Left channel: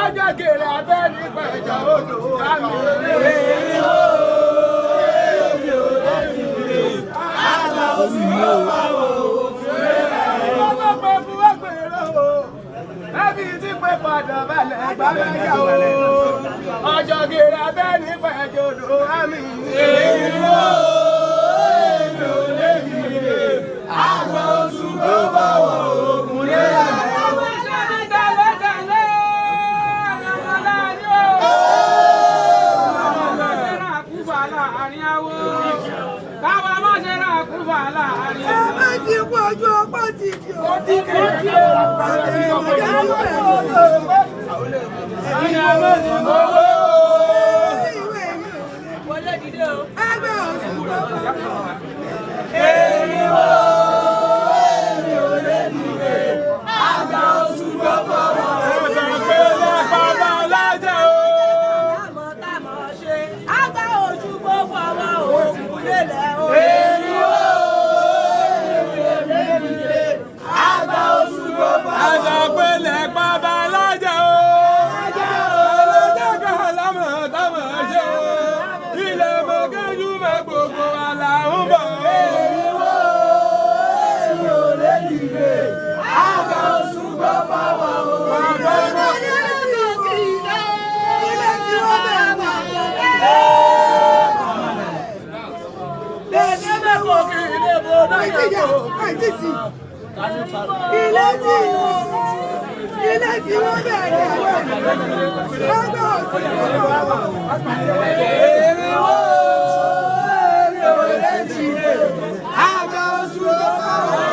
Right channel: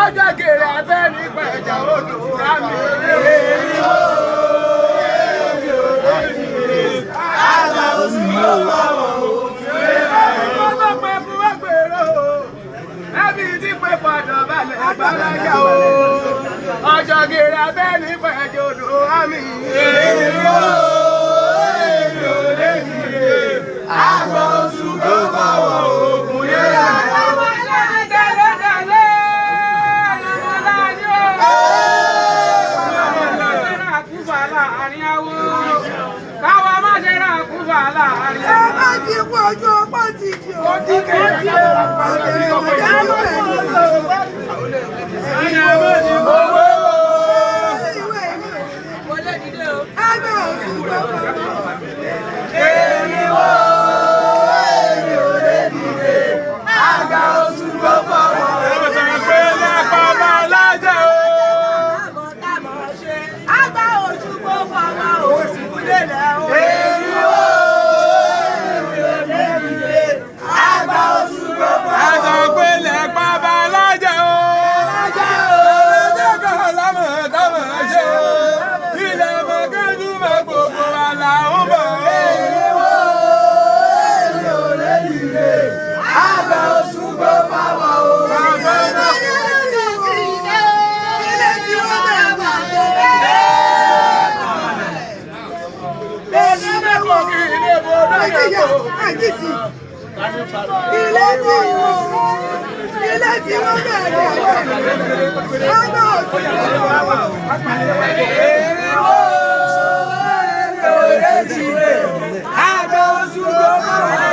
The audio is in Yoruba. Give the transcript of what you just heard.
Ọjọ́ kèrè abẹ́ nípa ẹ̀jà odò rámi. Àgbà oṣù ló fọwọ́ òfin. Ọjọ́ pé fún ẹgbẹ̀rún o, lábí tí pé padà balẹ̀ gbàgbà o. Ọjọ́ kèrè abẹ́ nípa ẹ̀jà odò rámi. Àgbà oṣù ló fọwọ́ òfin. Ti kú ojú ọpọ́ ti di o. Ti kẹ́kẹ́ ọ̀pọ̀lọpọ̀ ọmọdé tí ó rẹ̀ ní ìlú. Ẹgbẹ́ òsì gbọ́dọ̀. Èyíwó èyí ò lè dìde. Àgbà oṣù gbọ́dọ̀ wọ̀. Àgbà oṣù gbọ́dọ̀ wọ̀. Òsì kúlẹ̀ lẹ́ o. Ilé tí wọ́n bẹ̀rẹ̀ ẹgbẹ́ òsì èríwó èrè òrèjìlè àgbà oṣù tó bá wà.